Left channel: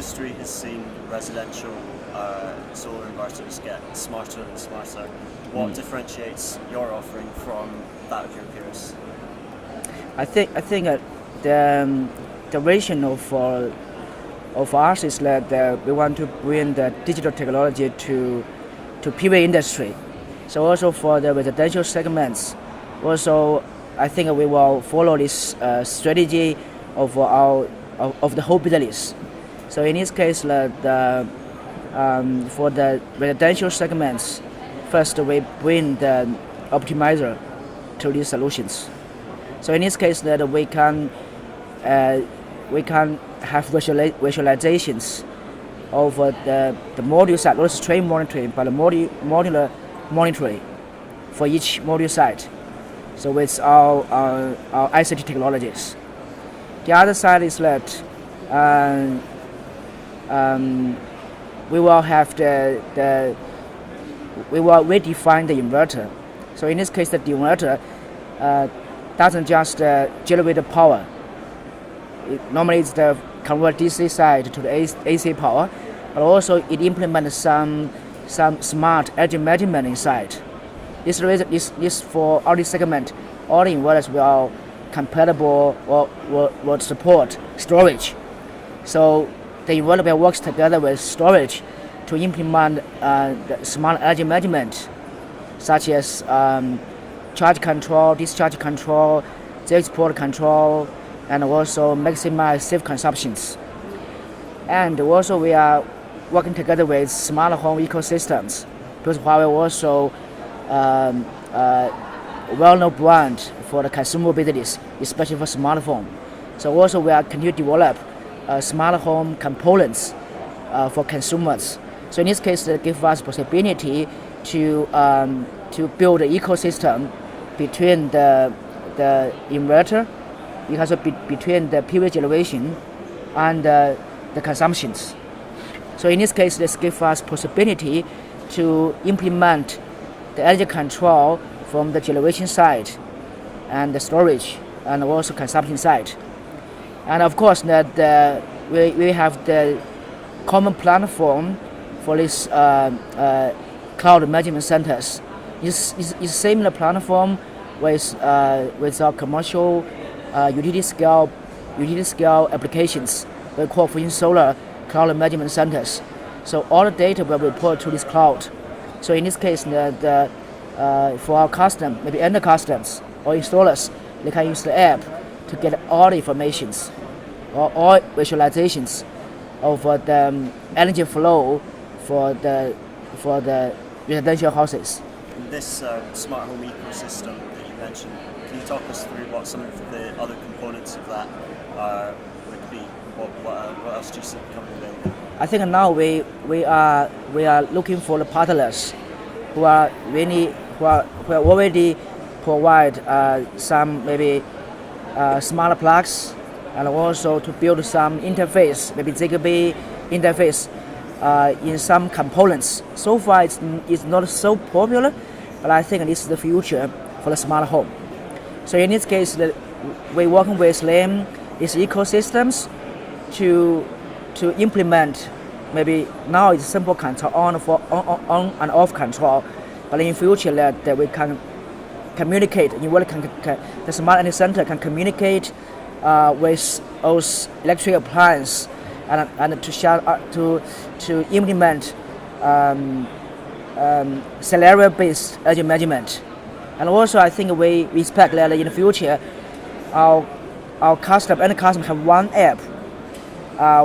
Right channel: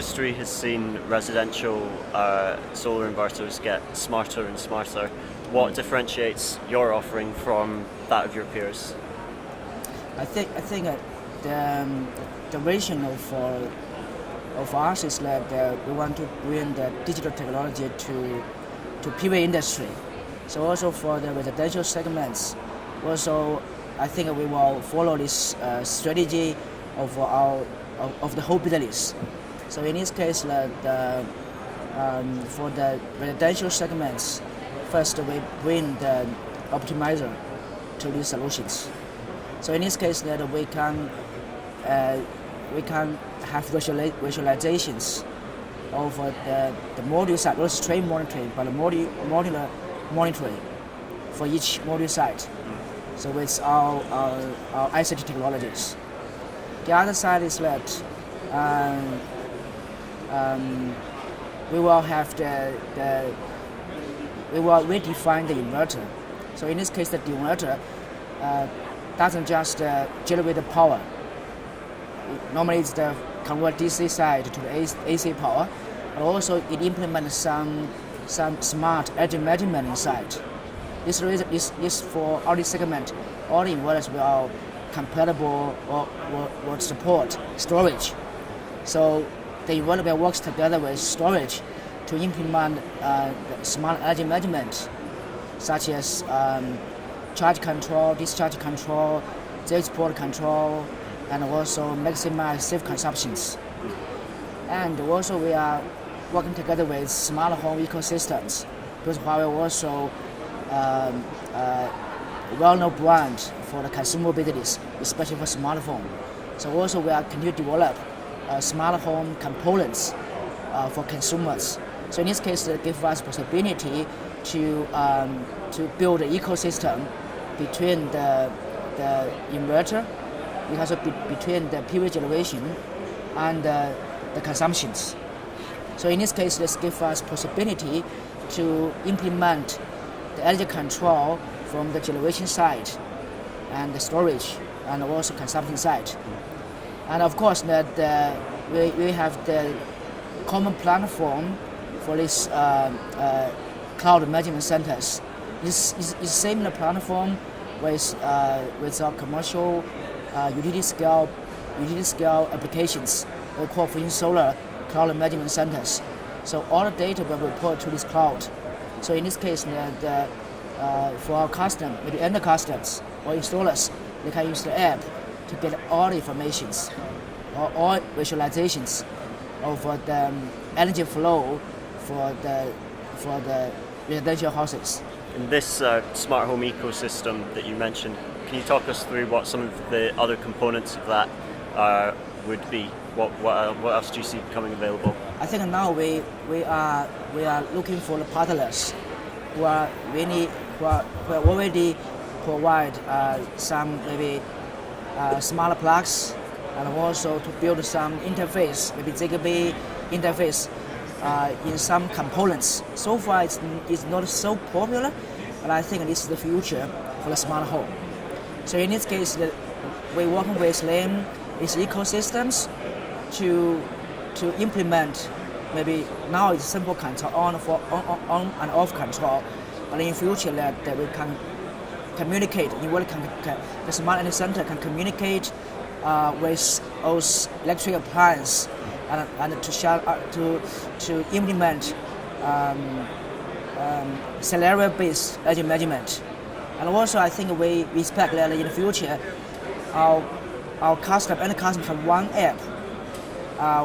industry has seen residential solar inverters get smarter and smarter. What differentiates your offering from that of your peers? I think the vision of us is that we want to bring the digital technology to PV industry. So also for the residential segments, also I think we will follow this strategy of the whole business. So in this case, for the residential segments, first we bring the optimizer to these solutions. So in this case, that we can have visualizations of the module site, not stream monitoring, but the modular monitoring for each module site. So with our ICT technologies. The other side is that we will have we will redefine the inverter. So in this case, the inverter doesn't just generate the power. Normally it's the convert DC side to the AC power, but also it implements some smart energy management inside. This for all this segment, all the inverters will compatible or will support storage. So the inverter works together with storage to implement the smart energy management, such as charge control, discharge control, export control, and also maximize safe consumptions. And also we are working together with smart home ecosystems, because Huawei also well-known brand for the consumer business, especially for smartphone. So also we are continue to develop smart home components for consumers. So in this case, it gives us possibility to build an ecosystem between the inverter, because between the PV generation and the consumptions. So in this case, this gives us possibility to implement the energy control from the generation side and the storage and also consumption side. And of course, that we have the common platform for this cloud management centers. It's similar platform with our commercial utility scale applications we call for Intersolar cloud management centers. So all the data will be reported to this cloud. So in this case, for our custom, maybe end customers or installers, they can use the app to get all the informations or all visualizations of the energy flow for the residential houses. This smart home ecosystem that you mentioned, can you talk us through what some of the other components of that would be? What else do you see becoming available? I think now we are looking for the partners who already provide some maybe smart plugs, and also to build some interface, maybe Zigbee interface in some components. So far it's not so popular, but I think this is the future for the smart home. So in this case, we're working with them, these ecosystems, to implement. Maybe now it's simple control on and off control, but in future that we can communicate. The smart energy center can communicate with those electric appliances and to implement scenario-based energy management. And also, I think we expect that in the future, our end customers have one app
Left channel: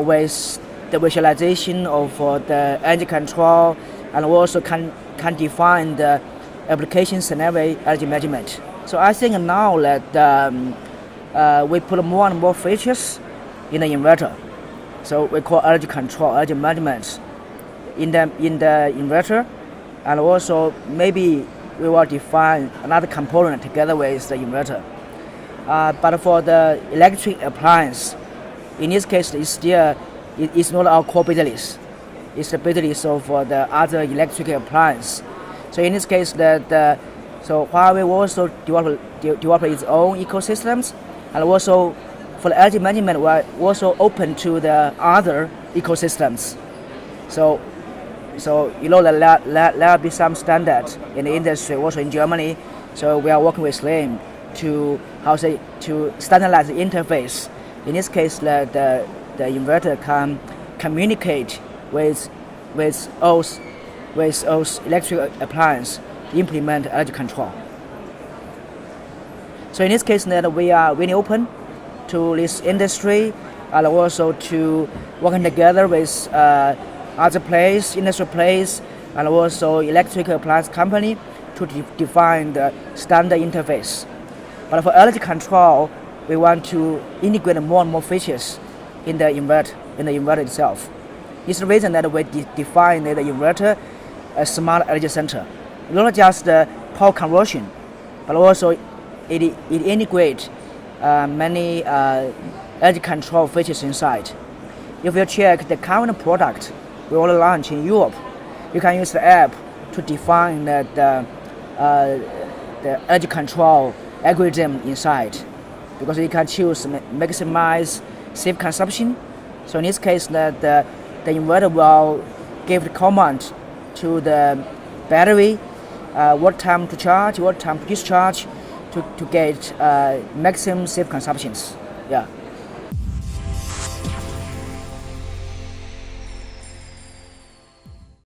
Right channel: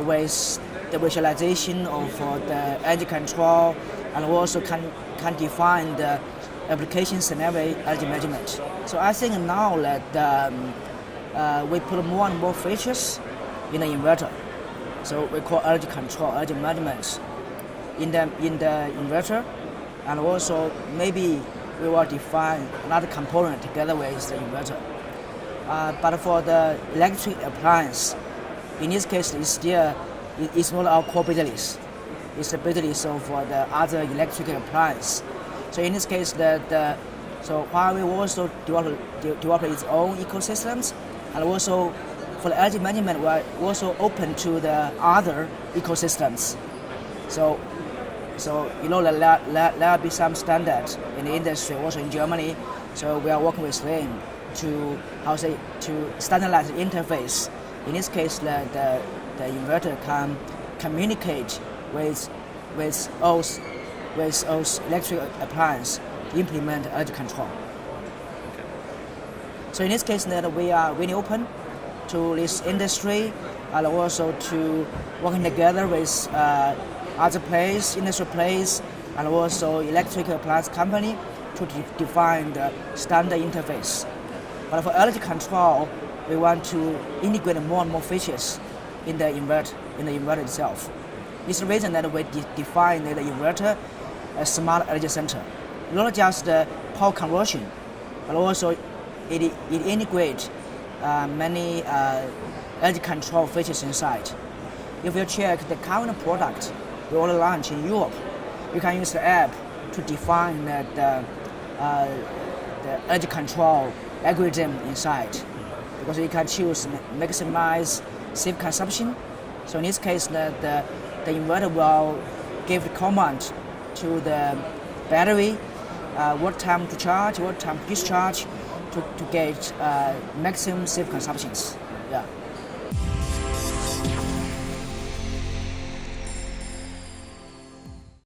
with the visualization of the energy control, and also can define the application scenario energy management. So I think now that we put more and more features in the inverter. So we call energy control, energy management in the inverter, and also maybe we will define another component together with the inverter. But for the electric appliance, in this case, it's not our core business. It's the business of the other electric appliance. So in this case, so Huawei also develop its own ecosystems, and also for the energy management, we're also open to the other ecosystems. So there'll be some standards in the industry, also in Germany. So we are working with them to standardize the interface. In this case, the inverter can communicate with those electric appliances to implement energy control. So in this case, that we are really open to this industry and also to working together with other players, industry players, and also electric appliance company to define the standard interface. But for energy control, we want to integrate more and more features in the inverter itself. It's the reason that we define the inverter as smart energy center. Not just the power conversion, but also it integrates many energy control features inside. If you check the current product we already launched in Europe, you can use the app to define the energy control algorithm inside, because you can choose maximize safe consumption. So in this case, the inverter will give the command to the battery what time to charge, what time to discharge to get maximum safe consumptions. Yeah.